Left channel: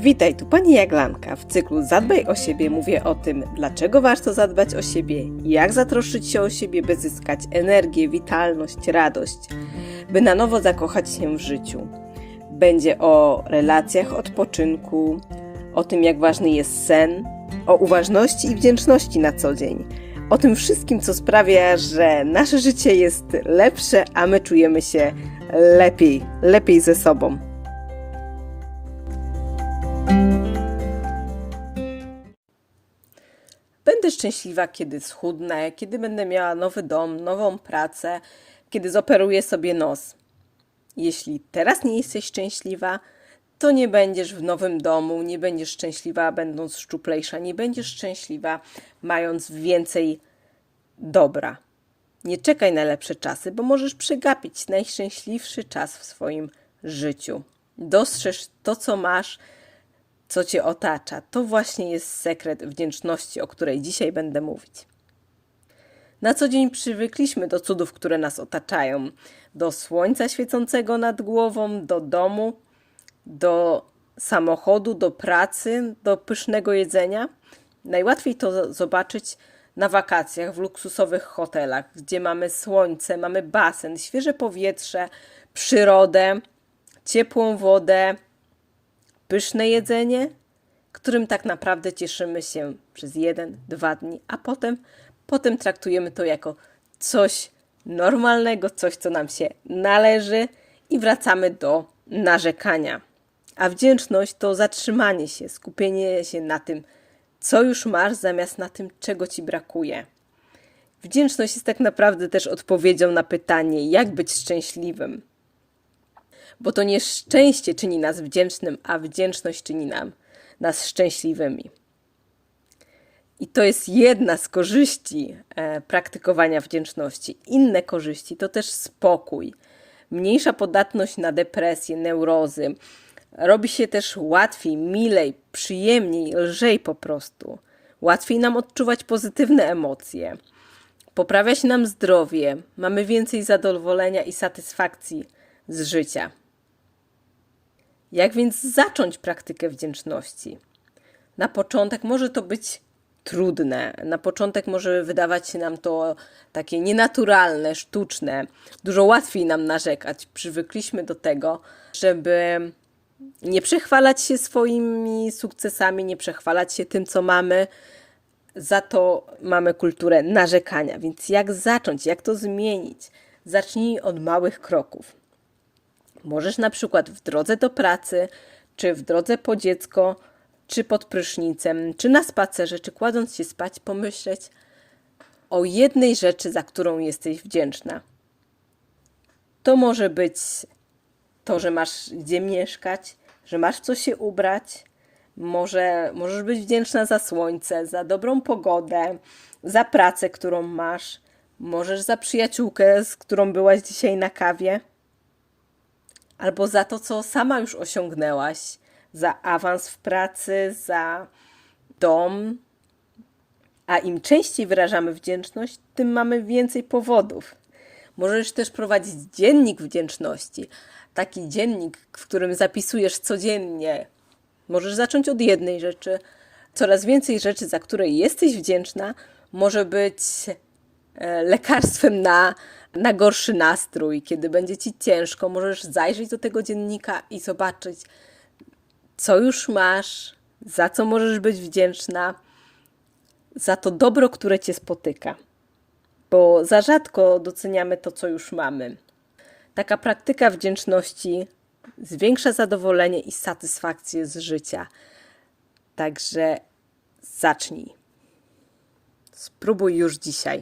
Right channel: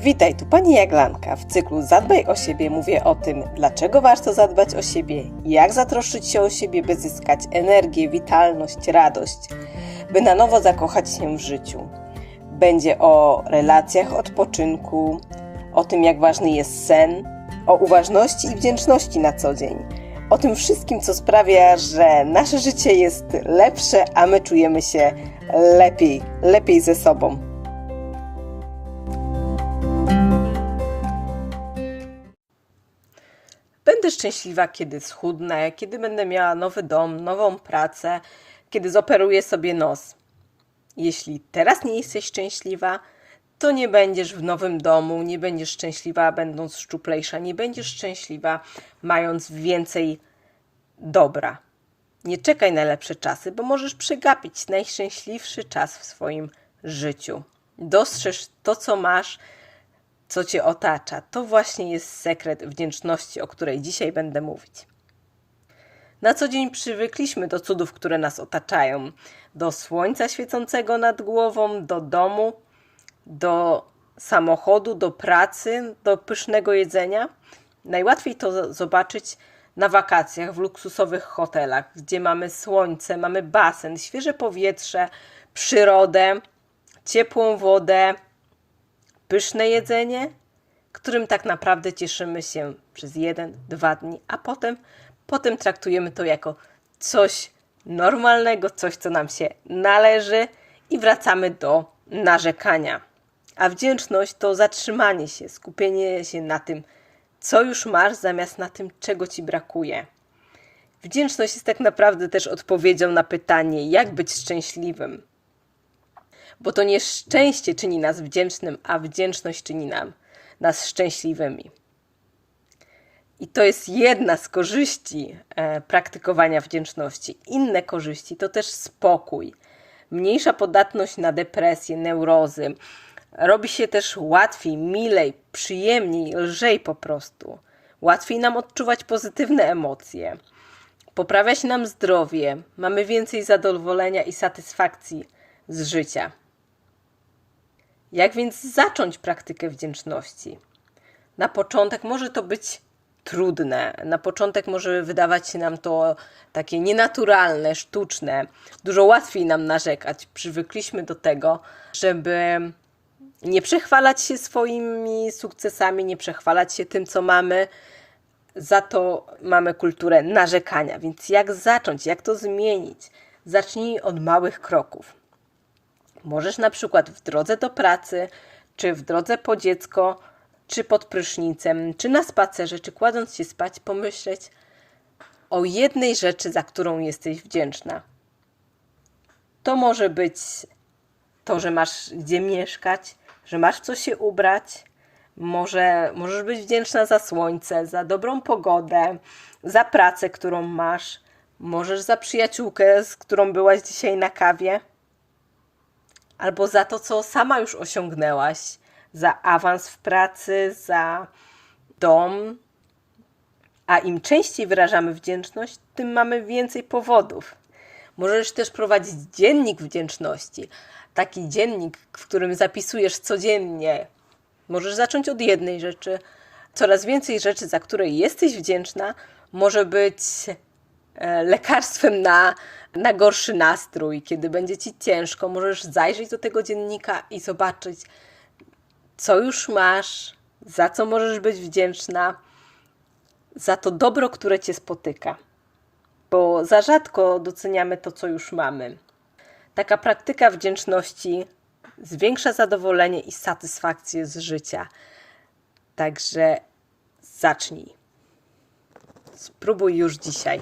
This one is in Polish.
Witaj, tu pani Jaglanka. W cyklu Zadbaj o siebie mówię o tym, dlaczego warto zadbać o siebie, jak zatroszczyć się o siebie, by zyskać energię, witalność, radość, by na nowo zakochać się w życiu. Będzie o relacjach, odpoczynku, o tym, jak ważny jest sen, o uważności i wdzięczności na co dzień. O tym wszystkim, co sprawia, że nasze życie jest lepsze, a my czujemy się lepiej, lepiej ze sobą. Będę szczęśliwa, kiedy schudnę, kiedy będę miała nowy dom, nową pracę, kiedy zoperuję sobie nos. Jeśli teraz nie jesteś szczęśliwa, to nie będziesz w nowym domu, nie będziesz szczęśliwa, będąc szczuplejsza, nie będziesz szczęśliwa, mając więcej dobra. Nie czekaj na lepsze czasy, bo możesz przegapić najszczęśliwszy czas w swoim życiu. Dostrzeż to, co masz, co cię otacza. To właśnie jest sekret wdzięczności, o której dzisiaj będę mówić. Na co dzień przywykliśmy do cudów, które nas otaczają, do słońca świecącego nad głową, do domu, do samochodu, do pracy, do pysznego jedzenia. Najłatwiej to zobaczyć na wakacjach w luksusowych hotelach, gdzie mamy słońce, mamy basen, świeże powietrze, przyrodę, ciepłą wodę, pyszne jedzenie, którym tak naprawdę cieszymy się przez jeden, dwa dni, a potem, potem traktujemy to jako coś normalnego, coś, co nam się należy i wracamy do narzekania. A wdzięczność to zatrzymanie się, skupienie się na tym, co już masz, zamiast na tym, czego ci brakuje. Wdzięczność jest tak naprawdę też odpowiedzią na pytanie, jak być szczęśliwym. Bo to nie szczęście czyni nas wdzięcznym, a wdzięczność czyni nam nas szczęśliwymi. I to jest jedna z korzyści e, praktykowania wdzięczności. Inne korzyści to też spokój, mniejsza podatność na depresję, neurozy, robi się też łatwiej, milej, przyjemniej, lżej po prostu. Łatwiej nam odczuwać pozytywne emocje. Poprawia się nam zdrowie, mamy więcej zadowolenia i satysfakcji z życia. Jak więc zacząć praktykę wdzięczności? Na początek może to być trudne. Na początek może wydawać się nam to takie nienaturalne, sztuczne. Dużo łatwiej nam narzekać. Przywykliśmy do tego, żeby nie przechwalać się swoimi sukcesami, nie przechwalać się tym, co mamy. Za to mamy kulturę narzekania. Więc jak zacząć, jak to zmienić? Zacznij od małych kroków. Możesz na przykład w drodze do pracy, czy w drodze po dziecko, czy pod prysznicem, czy na spacerze, czy kładąc się spać, pomyśleć o jednej rzeczy, za którą jesteś wdzięczna. To może być to, że masz gdzie mieszkać, że masz co się ubrać. Może możesz być wdzięczna za słońce, za dobrą pogodę, za pracę, którą masz. Możesz za przyjaciółkę, z którą byłaś dzisiaj na kawie. Albo za to, co sama już osiągnęłaś, za awans w pracy, za dom. A im częściej wyrażamy wdzięczność, tym mamy więcej powodów. Możesz też prowadzić dziennik wdzięczności. Taki dziennik, w którym zapisujesz codziennie. Możesz zacząć od jednej rzeczy. Coraz więcej rzeczy, za które jesteś wdzięczna, może być lekarstwem na, na gorszy nastrój. Kiedy będzie ci ciężko, możesz zajrzeć do tego dziennika i zobaczyć, co już masz, za co możesz być wdzięczna, za to dobro, które cię spotyka bo za rzadko doceniamy to, co już mamy. Taka praktyka wdzięczności zwiększa zadowolenie i satysfakcję z życia. Także zacznij. Spróbuj już dzisiaj.